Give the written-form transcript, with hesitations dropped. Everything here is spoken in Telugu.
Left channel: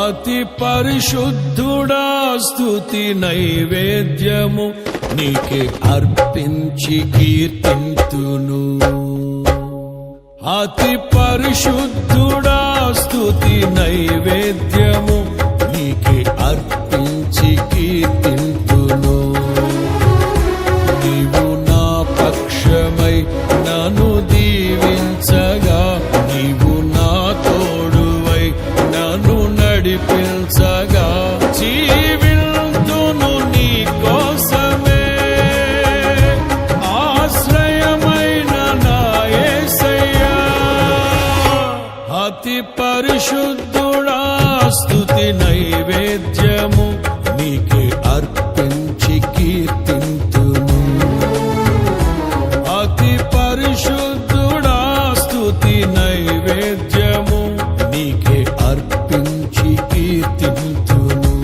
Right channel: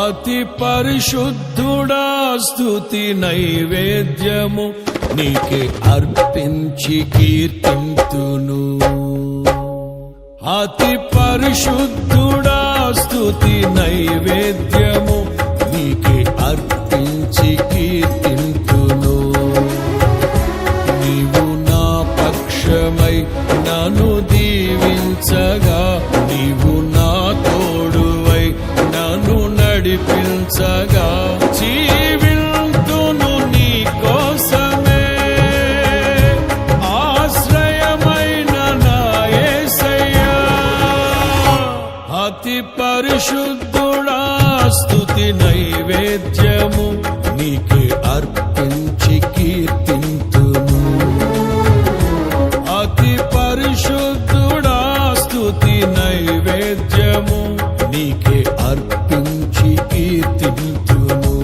అతి పరిశుద్ధుడా స్తుతి నైవేద్యము నీకే అర్పించి కీర్తింతును. అతి పరిశుద్ధుడా స్తుతి నైవేద్యము నీకే అర్పించి కీర్తింతును. నీవు నా పక్షమై నన్ను దీవించగా, నీవు నా తోడువై నన్ను నడిపించగా, జీవింతును నీ కోసమే ఆశ్రయమైన నా యేసయ్యా. అతి పరిశుద్ధుడా స్తుతి నైవేద్యము నీకే అర్పించి కీర్తింతును. అతి పరిశుద్ధుడా స్తుతి నైవేద్యము నీకే అర్పించి కీర్తింతును.